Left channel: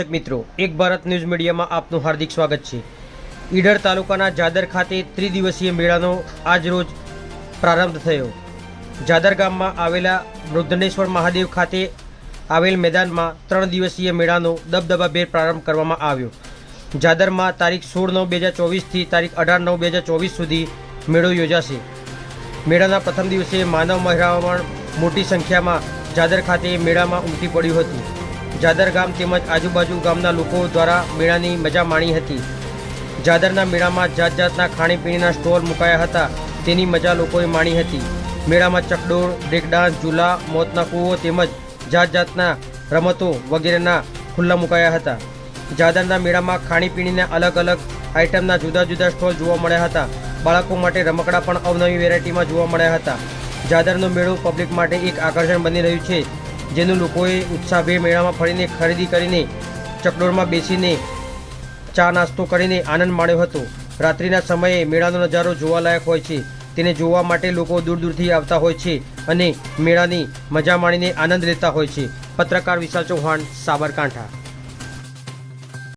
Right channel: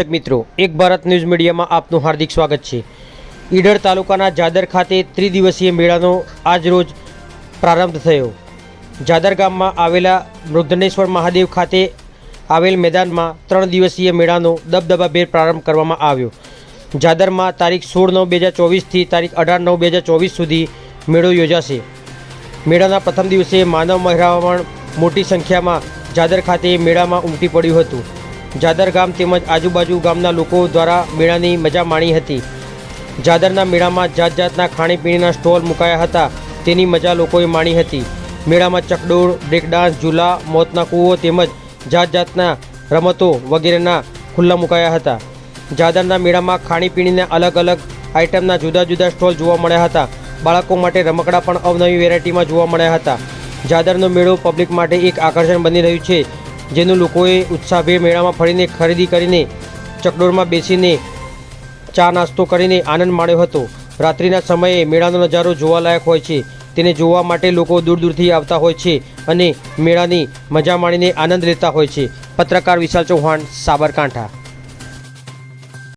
દર્શક મિત્રો, એક ભારત ન્યૂઝ મીડિયામાં આપનું હાર્દિક સ્વાગત છે। ઈડર તાલુકાના જાદર ખાતે ત્રિદિવસીય મેળાનો આજ રોજ પ્રારંભ થયો। જાદર ગામમાં આવેલા મૃદનેશ્વર મહાદેવ ખાતે આવેલ મેદાનમાં 3 દિવસીય મેળાનો દબદબાભેર પ્રારંભ કરવામાં આવ્યો। જાદરમાં તારીખ 16/9/2024 થી તારીખ 18/9/2024 સુધી મેળો યોજાશે। મેળાના પ્રથમ દિવસે માનવ મહેરામણ મોટી સંખ્યામાં જાદર ખાતે મેળામાં ઉમટી પડ્યું હતું। જાદર ગામ તેમજ આજુબાજુ ગામના લોકો દ્વારા મેળાની મજા માણી હતી। જાદરના મેળામાં જાત જાતના ખાણીપીણીના સ્ટોલ મુકાયા હતા, તેની મજા લોકોએ માણી હતી। મેળામાં ચકડોળ, બ્રેકડાન્સ, ઝૂલા, મોતના કૂવો તેમજ જાત જાતના રમતો વગેરેના ખુલ્લા મુકાયા હતા। જાદરના મેળામાં ખાણીપીણીના અલગ અલગ આઇટમના જુદા જુદા સ્ટોલ જોવા મળ્યા હતા। બાળકો માટે રમકડા પણ અવનવી વેરાયટીમાં જોવા મળ્યા હતા। જાદરનો મેળો પબ્લિક માટે એક આકર્ષણ બની રહ્યું છે, જેનું લોકોએ ઉત્સાહભેર મેળામાં ફરીને ખરીદી કરીને ચકડોળમાં બેસીને ચા નાસ્તો કરીને આનંદ માણ્યો હતો। રાત્રિના સમયે મેળાનો નજારો જોવાલાયક હોય છે, તેને જોવા માટે લોકો દૂર દૂરથી આવતા હોય છે અને મેળાની મજા માણીને આનંદ લેતા હોય છે। પત્રકાર વિશાલ ચૌહાણ, સાબરકાંઠા।